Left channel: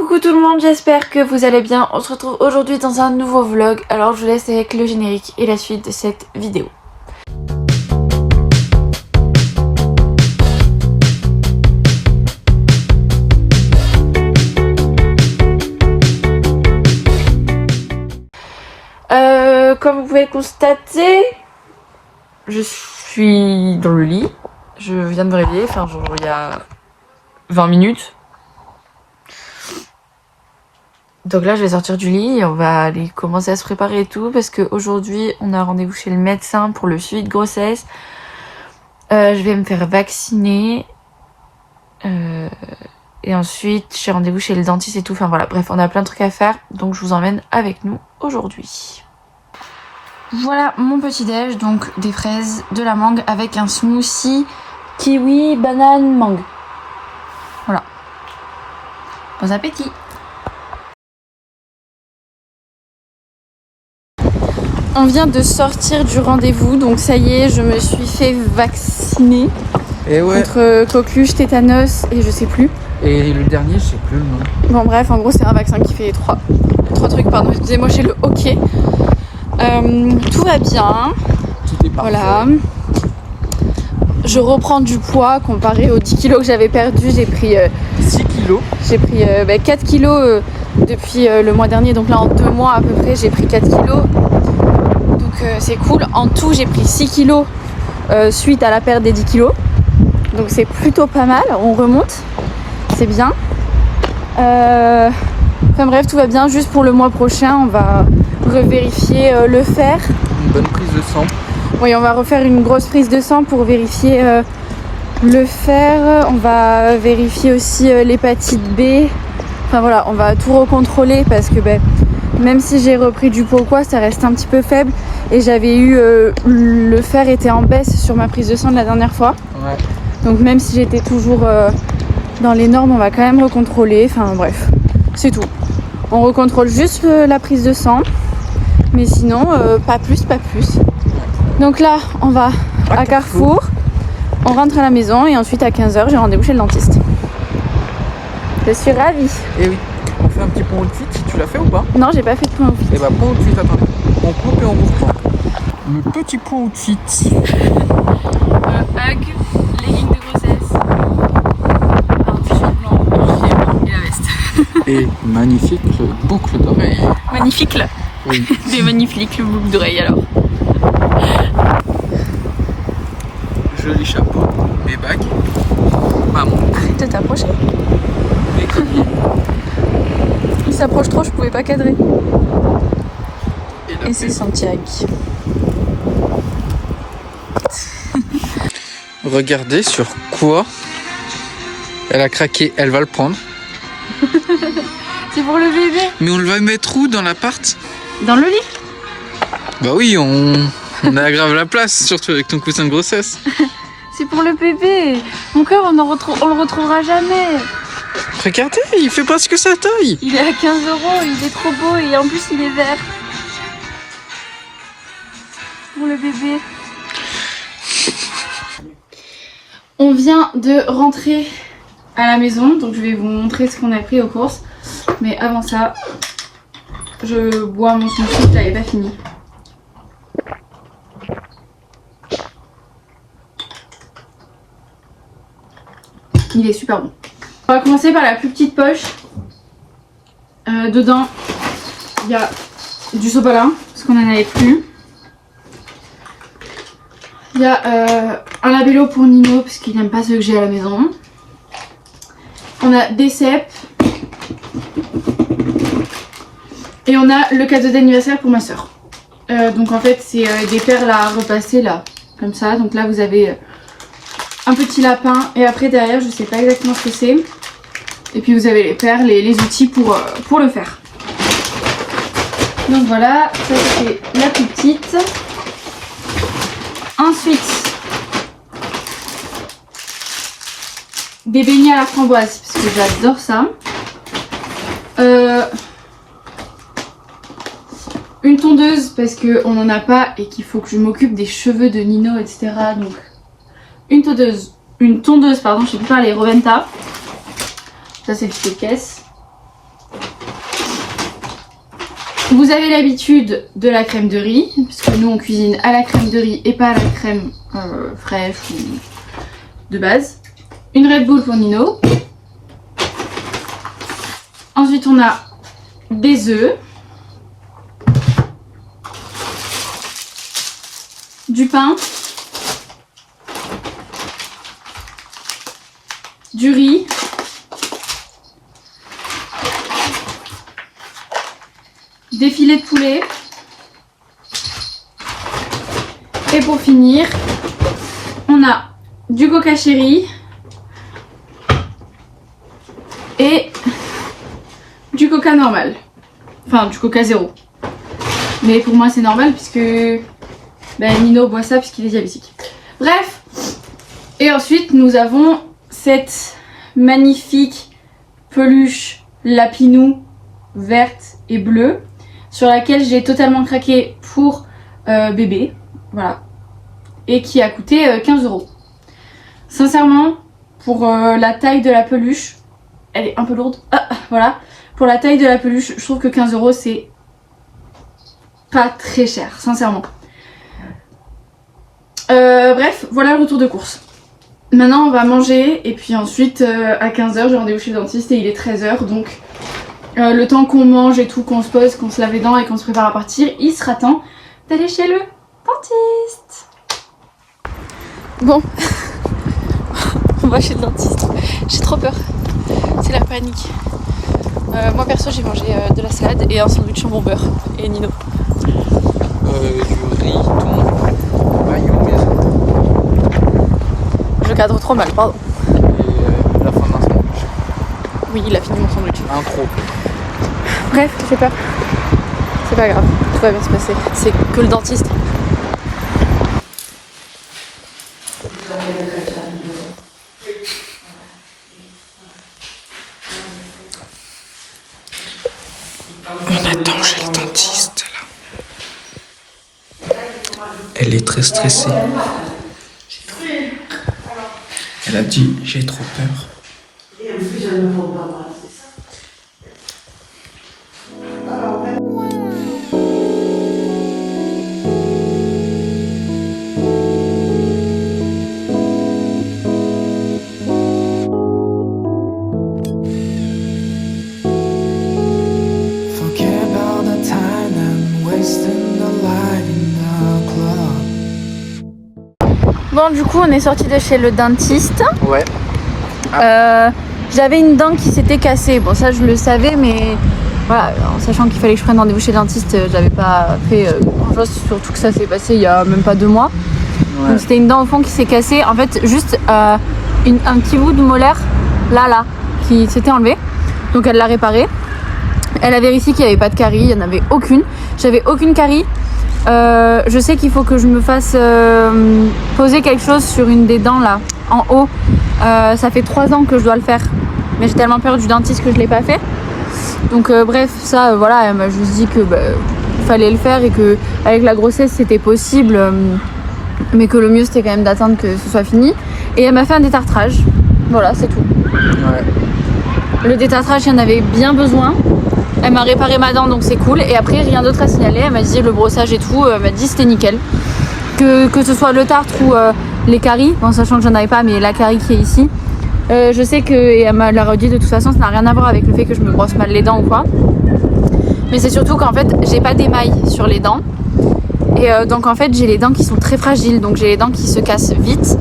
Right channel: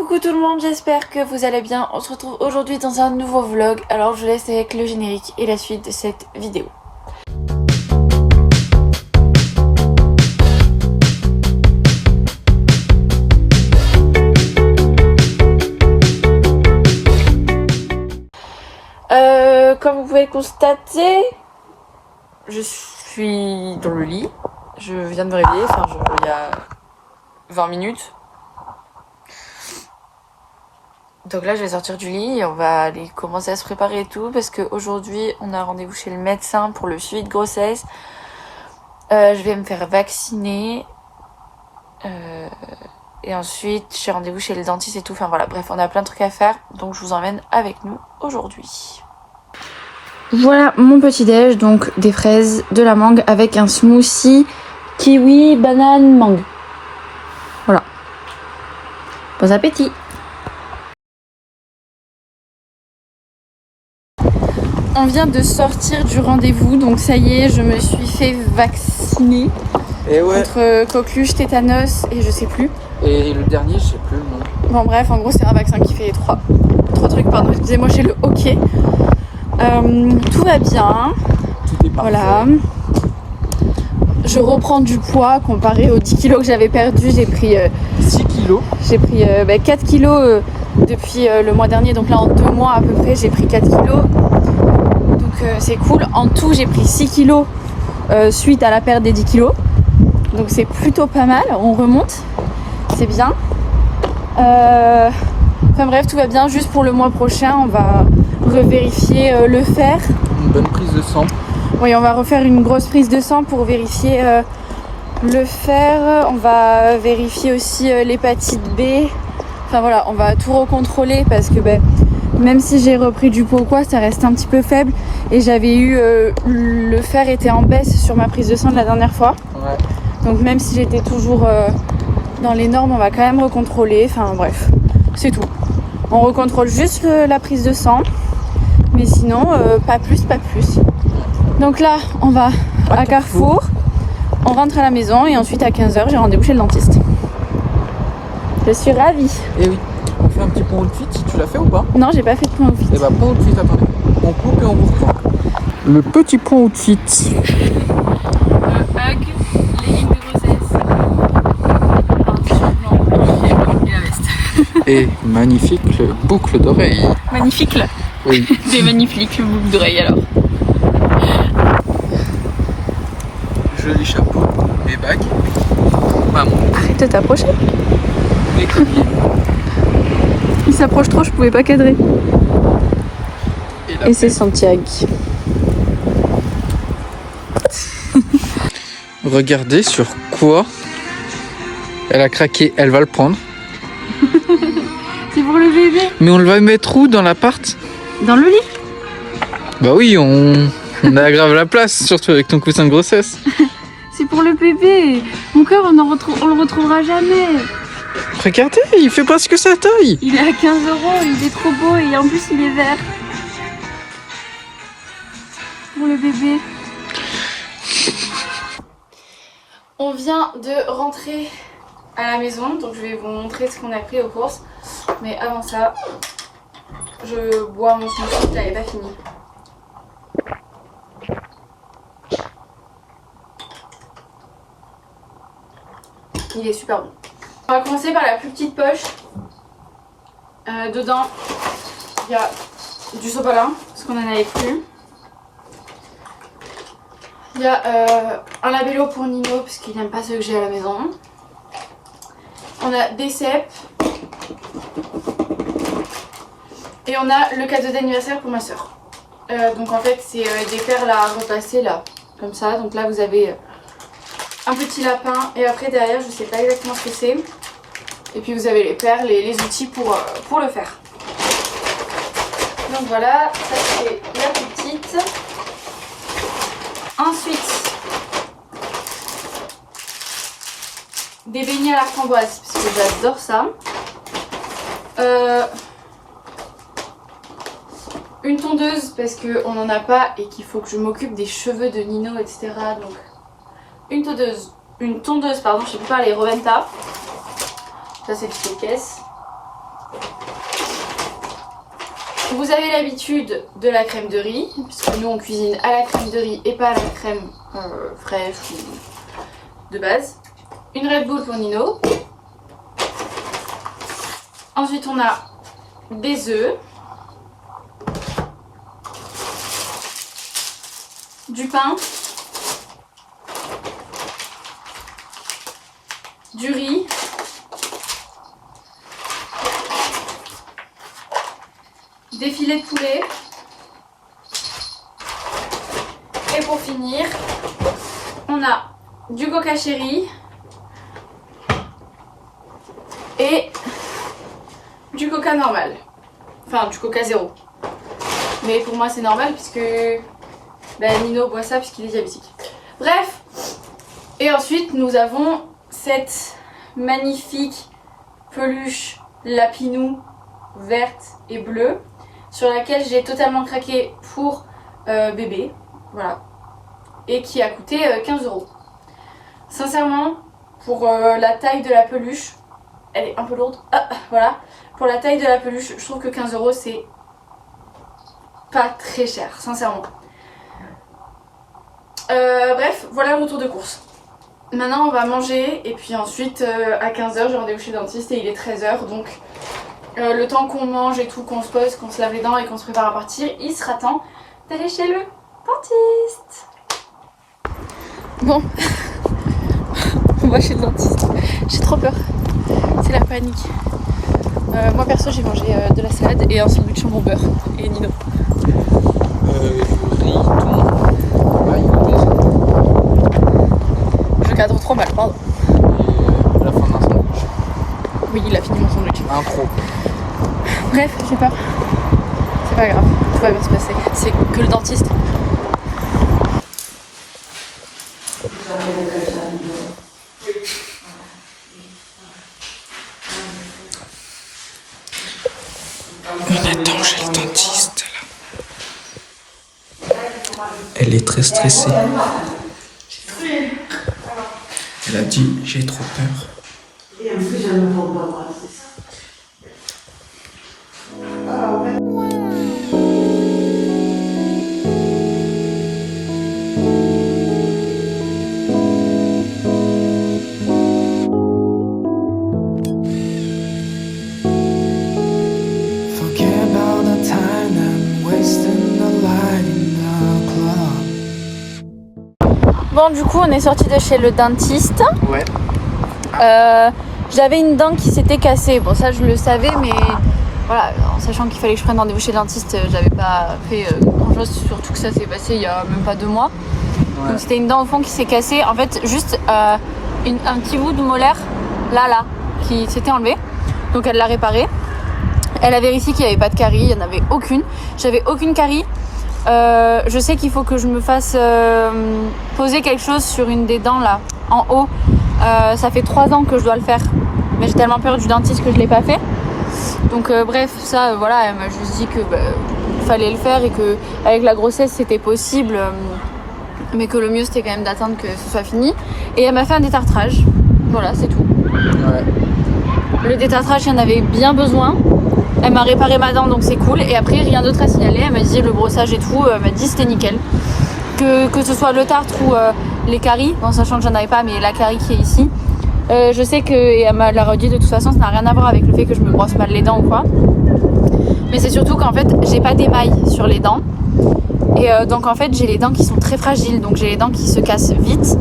Coucou tout le monde, j'espère que vous allez bien. On se retrouve aujourd'hui dans un nouveau vlog. Alors je vous laisse avec le générique et la suite de cette vidéo. Comme vous pouvez constater, je suis dans le lit. Je viens de me réveiller, enfin genre il y a 20 minutes. Donc là je vais sortir du lit et on va aller commencer à se préparer et tout parce qu'aujourd'hui on a rendez-vous chez le médecin pour le suivi de grossesse. Je vais me faire vacciner et ensuite j'ai rendez-vous chez le dentiste et tout. Enfin voilà, bref, on a plein de trucs à faire donc je vous emmène avec nous aujourd'hui. Voilà mon petit déj, donc des fraises, de la mangue avec un smoothie kiwi, banane, mangue. Voilà. Bon appétit. On vient de sortir du rendez-vous, donc ça y est, je me suis fait vacciner contre coqueluche, tétanos et je sais plus. Et le dernier, je sais plus le nom. Bon bref, en gros c'est un vaccin qui fait les trois trucs, pardon, excusez-moi, j'ai le hockey. Tout va bien, voilà. Je reprends du poids comparé aux 10 kilos que j'avais perdu. J'ai pris 6 kilos. J'ai pris 4 kilos depuis le mois dernier, donc là en 2 mois à peu près j'ai pris 4 kilos. Donc c'est cool. En tout j'ai pris 6 kilos suite à la perte des 10 kilos. Donc c'est plutôt pas mal, on remonte, c'est bien. Enfin bref, tout va bien. Juste pour le mois prochain, on va revérifier le fer. Une bonne prise de sang. Oui, on va refaire une grosse prise de sang pour vérifier le fer. On va vérifier aussi l'hépatite B. Enfin voilà, on va tout recontrôler parce que même si j'ai repris du poids ou quoi, ça reste un petit peu faible. Et j'avais eu le fer était en baisse sur ma prise de sang de la dernière fois. Ouais. Donc même si j'étais toujours dans les normes, on va quand même recontrôler. Enfin bref, c'est tout. On recontrôle juste la prise de sang. Mais sinon, pas plus, pas plus. Donc là, on va à Carrefour, on rentre à la maison et ensuite à 15h, j'ai rendez-vous chez le dentiste. Je suis ravie. Et oui, on fait un petit point outfit, tu l'as fait ou pas? Non, j'ai pas fait de point outfit. Et bah point outfit, attendez. On coupe et on ouvre. Le petit point outfit. Un hag, legging de grossesse, un t-shirt blanc et la veste. Et magnifique boucle d'oreille. Magnifique là. Oui. C'est magnifique boucle d'oreille alors. Joli chapeau, les bagues. Maman. Arrête de t'approcher. Les colliers. Il s'approche trop, je pouvais pas cadrer. Et c'est Santiago. Regardez sur quoi elle a craqué, elle va le prendre. C'est pour le bébé. Mais on le va mettre où dans l'appart? Dans le lit. Bah oui, on a grave la place, surtout avec ton coussin de grossesse. C'est pour le bébé. Mon cœur, on le retrouvera jamais. Regardez, il fait presque sa taille. Il est à 15 €, il est trop beau et en plus il est vert. Pour le bébé. On vient de rentrer à la maison, donc je vais vous montrer ce qu'on a pris aux courses. Mais avant ça, je bois mon smoothie, là il n'est pas fini. Il est super bon. On va commencer par la plus petite poche. Dedans, il y a du sopalin, parce qu'on n'en avait plus. Il y a un labello pour Nino, parce qu'il n'aime pas ceux que j'ai à la maison. On a des cèpes. Et on a le cadeau d'anniversaire pour ma soeur. Donc en fait, c'est des perles à repasser là, comme ça. Donc là, vous avez un petit lapin et après derrière je sais pas exactement ce que c'est, et puis vous avez les perles et les outils pour le faire. Donc voilà, ça c'était la plus petite. Ensuite des beignets à la framboise parce que j'adore ça. Une tondeuse parce qu'on n'en a pas et qu'il faut que je m'occupe des cheveux de Nino, etc. Donc une tondeuse, pardon, je sais plus parler, Roventa. Ça c'est une petite caisse. Vous avez l'habitude de la crème de riz, puisque nous on cuisine à la crème de riz et pas à la crème fraîche ou de base. Une Red Bull pour Nino. Ensuite on a des œufs. Du pain. Du riz. Des filets de poulet. Et pour finir, on a du coca chéri et du coca normal. Enfin, du coca zéro. Mais pour moi, c'est normal puisque Nino boit ça puisqu'il est diabétique. Bref. Et ensuite, nous avons cette magnifique peluche lapinou verte et bleue sur laquelle j'ai totalement craqué pour bébé, voilà, et qui a coûté 15 €. Sincèrement, pour la taille de la peluche, elle est un peu lourde, voilà, pour la taille de la peluche, je trouve que 15 € c'est pas très cher, sincèrement. Bref, voilà le retour de course. Maintenant on va manger et puis ensuite à 15 h j'ai rendez-vous chez le dentiste et il est 13 h, donc le temps qu'on mange et tout, qu'on se pose, qu'on se lave les dents et qu'on se prépare à partir, il sera temps d'aller chez le dentiste. Bon, on va chez le dentiste. J'ai trop peur, c'est la panique. Moi perso j'ai mangé de la salade et un sandwich jambon beurre. Et Nino Du riz, je cadre trop mal, pardon. et la fin d'un sandwich. Oui, il a fini mon sandwich. Un trop. Bref, j'ai peur. C'est pas grave, tout va bien se passer. C'est que le dentiste. On attend chez le dentiste là. Elle est très stressée. Elle a dit j'ai trop peur. Et en plus, je ne vois pas moi, c'est ça. Forget about the time and wasting the light in the club. Bon, du coup, on est sorti de chez le dentiste. Ouais. J'avais une dent qui s'était cassée. Bon, ça, je le savais, mais voilà, en sachant qu'il fallait que je prenne rendez-vous chez le dentiste, j'avais pas fait grand-chose, surtout que ça s'est passé il y a même pas 2 mois. Donc, c'était une dent au fond qui s'est cassée. En fait, juste un petit bout de molaire, là, qui s'était enlevé. Donc, elle l'a réparé. Elle a vérifié qu'il n'y avait pas de carie, il n'y en avait aucune. J'avais aucune carie. Je sais qu'il faut que je me fasse poser quelque chose sur une des dents là, en haut. Ça fait 3 ans que je dois le faire. Mais j'ai tellement peur du dentiste que je ne l'ai pas fait. Donc bref, ça voilà, elle m'a juste dit que fallait le faire et que avec la grossesse c'était possible. Mais que le mieux c'était quand même d'attendre que ce soit fini. Et elle m'a fait un détartrage. Voilà, c'est tout. Le détartrage, il y en avait bien besoin. Elle m'a réparé ma dent, donc c'est cool. Et après, rien d'autre à signaler. Elle m'a dit le brossage et tout. Elle m'a dit c'était nickel. Que ce soit le tartre ou les caries, en sachant que j'en avais pas, mais la carie qui est ici. Je sais que, et elle m'a redit de toute façon, ça n'a rien à voir avec le fait que je me brosse mal les dents ou quoi. Mais c'est surtout qu'en fait, j'ai pas d'émail sur les dents. Et donc en fait, j'ai les dents qui sont très fragiles. Donc j'ai les dents qui se cassent vite.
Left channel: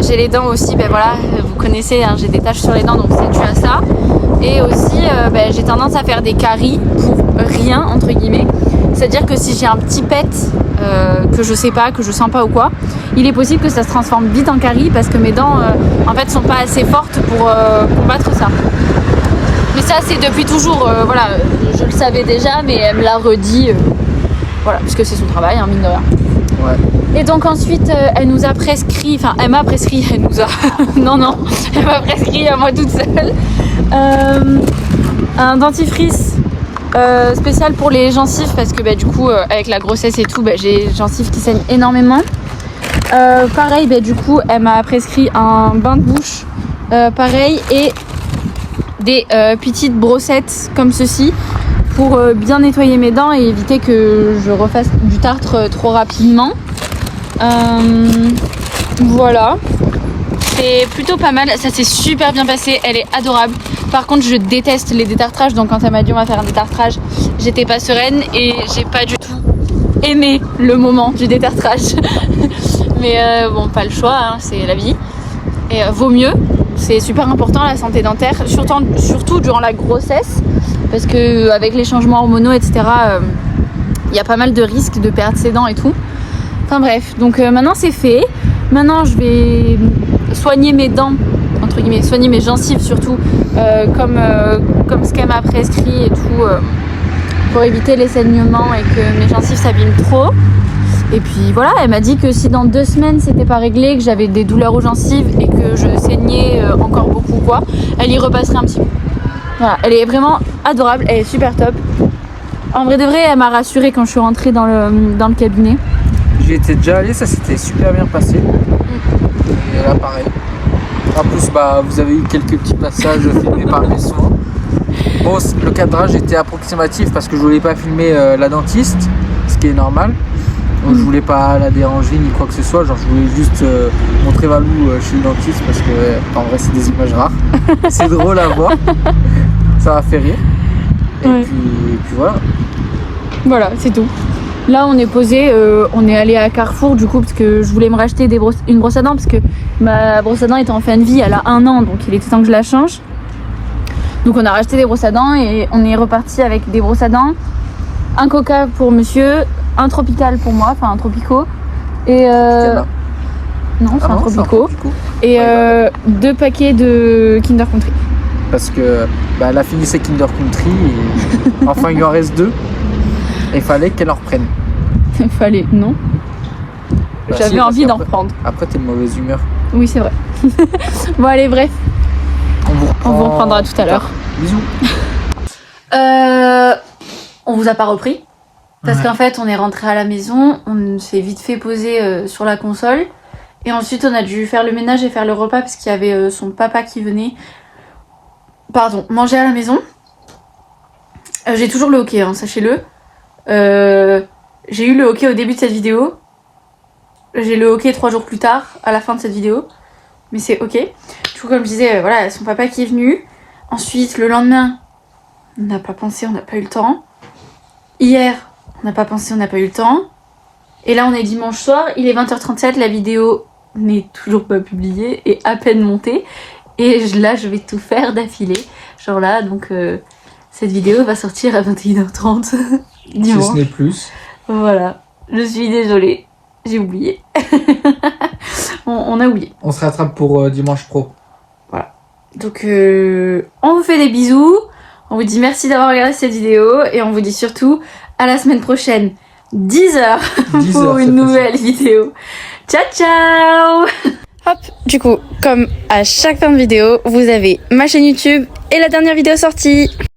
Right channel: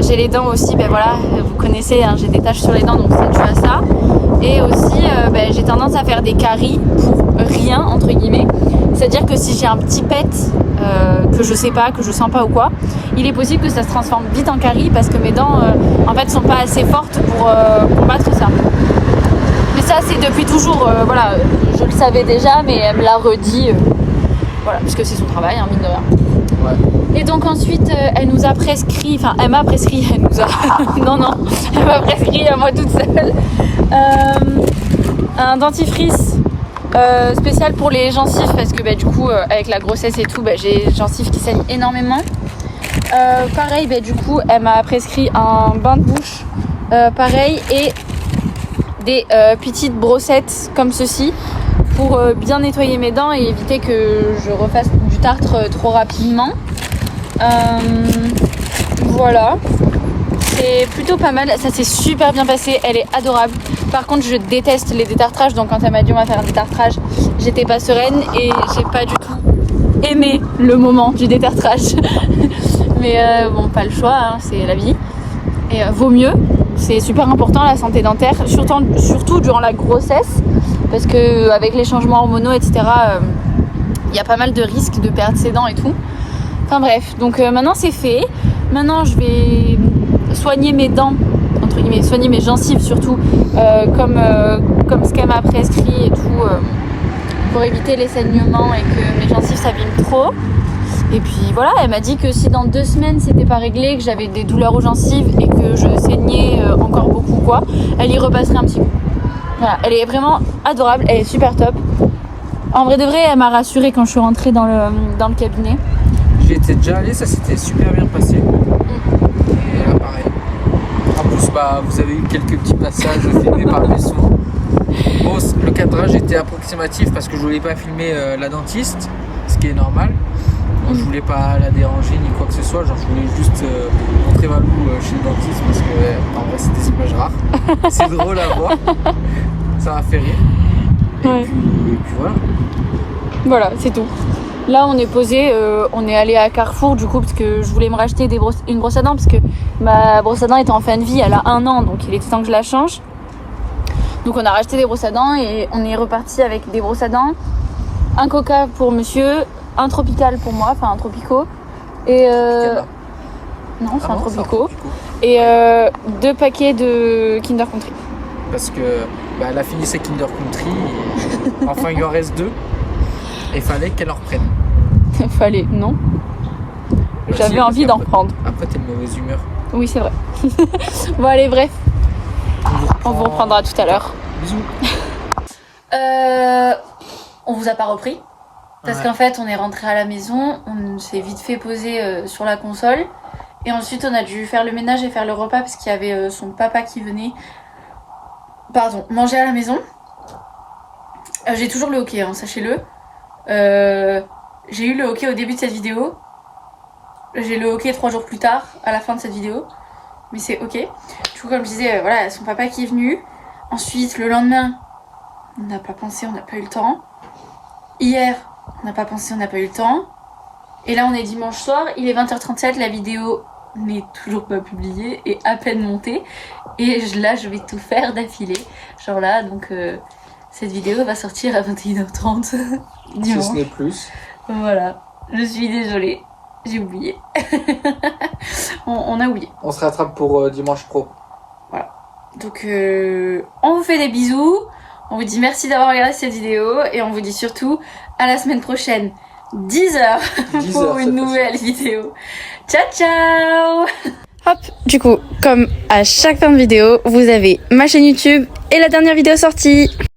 J'ai les dents aussi, voilà, vous connaissez, hein, j'ai des taches sur les dents, donc c'est dû à ça. Et aussi, j'ai tendance à faire des caries pour rien, entre guillemets. C'est-à-dire que si j'ai un petit pet que je sais pas, que je sens pas ou quoi, il est possible que ça se transforme vite en carie parce que mes dents, en fait, sont pas assez fortes pour combattre ça. Mais ça, c'est depuis toujours, voilà, je le savais déjà, mais elle me l'a redit, voilà, puisque c'est son travail, hein, mine de rien. Et donc ensuite, elle nous a prescrit, enfin elle m'a prescrit, elle nous a, non, elle m'a prescrit à moi toute seule, un dentifrice spécial pour les gencives parce que du coup, avec la grossesse et tout, j'ai les gencives qui saignent énormément. Pareil, du coup, elle m'a prescrit un bain de bouche, pareil, et des petites brossettes comme ceci pour bien nettoyer mes dents et éviter que je refasse du tartre trop rapidement. Voilà, c'est plutôt pas mal, ça s'est super bien passé, elle est adorable. Par contre je déteste les détartrages, donc quand elle m'a dit on va faire un détartrage, j'étais pas sereine et j'ai pas du tout aimé le moment du détartrage. Mais bon, pas le choix, hein, c'est la vie. Et vaut mieux, c'est super important la santé dentaire, surtout durant la grossesse, parce que avec les changements hormonaux, etc., il y a pas mal de risques de perdre ses dents et tout. Enfin bref, donc maintenant c'est fait. Maintenant je vais soigner mes dents, entre guillemets, soigner mes gencives surtout, comme ce qu'elle m'a prescrit et tout, pour éviter les saignements et que mes gencives s'abîment trop. Et puis voilà, elle m'a dit que si dans 2 semaines c'était pas réglé, que j'avais des douleurs aux gencives et que je saignais encore beaucoup quoi, elle y repasserait un petit peu. Voilà, elle est vraiment adorable, elle est super top. En vrai de vrai, elle m'a rassurée quand je suis rentrée dans le cabinet. J'y étais déjà allé, ça s'était super bien passé. Et là pareil. En plus vous avez eu quelques petits passages filmés par mes soins. Bon, le cadrage était approximatif parce que je voulais pas filmer la dentiste, ce qui est normal. Donc je voulais pas la déranger ni quoi que ce soit, genre je voulais juste montrer Valou chez le dentiste parce que en vrai c'est des images rares. C'est drôle à voir, ça m'a fait rire. Et puis voilà. Voilà, c'est tout. Là on est posé, on est allé à Carrefour du coup parce que je voulais me racheter une brosse à dents parce que ma brosse à dents était en fin de vie, elle a 1 an, donc il était temps que je la change. Donc on a racheté des brosses à dents et on est reparti avec des brosses à dents, un coca pour monsieur, un tropical pour moi, enfin un tropico, et non c'est un tropico, et 2 paquets de Kinder Country. Parce que elle a fini ses Kinder Country et enfin il lui en reste 2. Il fallait qu'elle en reprenne. Il fallait, non. J'avais envie d'en reprendre. Après t'es de mauvaise humeur. Oui c'est vrai. Bon allez bref, on vous reprendra tout à l'heure. Bisous. On vous a pas repris parce qu'en fait on est rentré à la maison, on s'est vite fait poser sur la console et ensuite on a dû faire le ménage et faire le repas parce qu'il y avait son papa qui venait manger à la maison. J'ai toujours le hockey, hein, sachez-le. J'ai eu le hockey au début de cette vidéo, j'ai le hockey 3 jours plus tard à la fin de cette vidéo, mais c'est ok. Du coup comme je disais, voilà, son papa qui est venu. Ensuite le lendemain on n'a pas pensé, on n'a pas eu le temps. Hier, on n'a pas pensé, on n'a pas eu le temps. Et là, on est dimanche soir, il est 20h37, la vidéo n'est toujours pas publiée et à peine montée. Et là, je vais tout faire d'affilée. Genre là, donc cette vidéo va sortir à 21h30 dimanche. Si ce n'est plus. Voilà, je suis désolée, j'ai oublié. on a oublié. On se rattrape pour dimanche pro. Voilà. Donc, on vous fait des bisous. On vous dit merci d'avoir regardé cette vidéo et on vous dit surtout à la semaine prochaine, 10h pour une nouvelle vidéo. Ciao ciao. Hop, du coup, comme à chaque fin de vidéo, vous avez ma chaîne YouTube et la dernière vidéo sortie.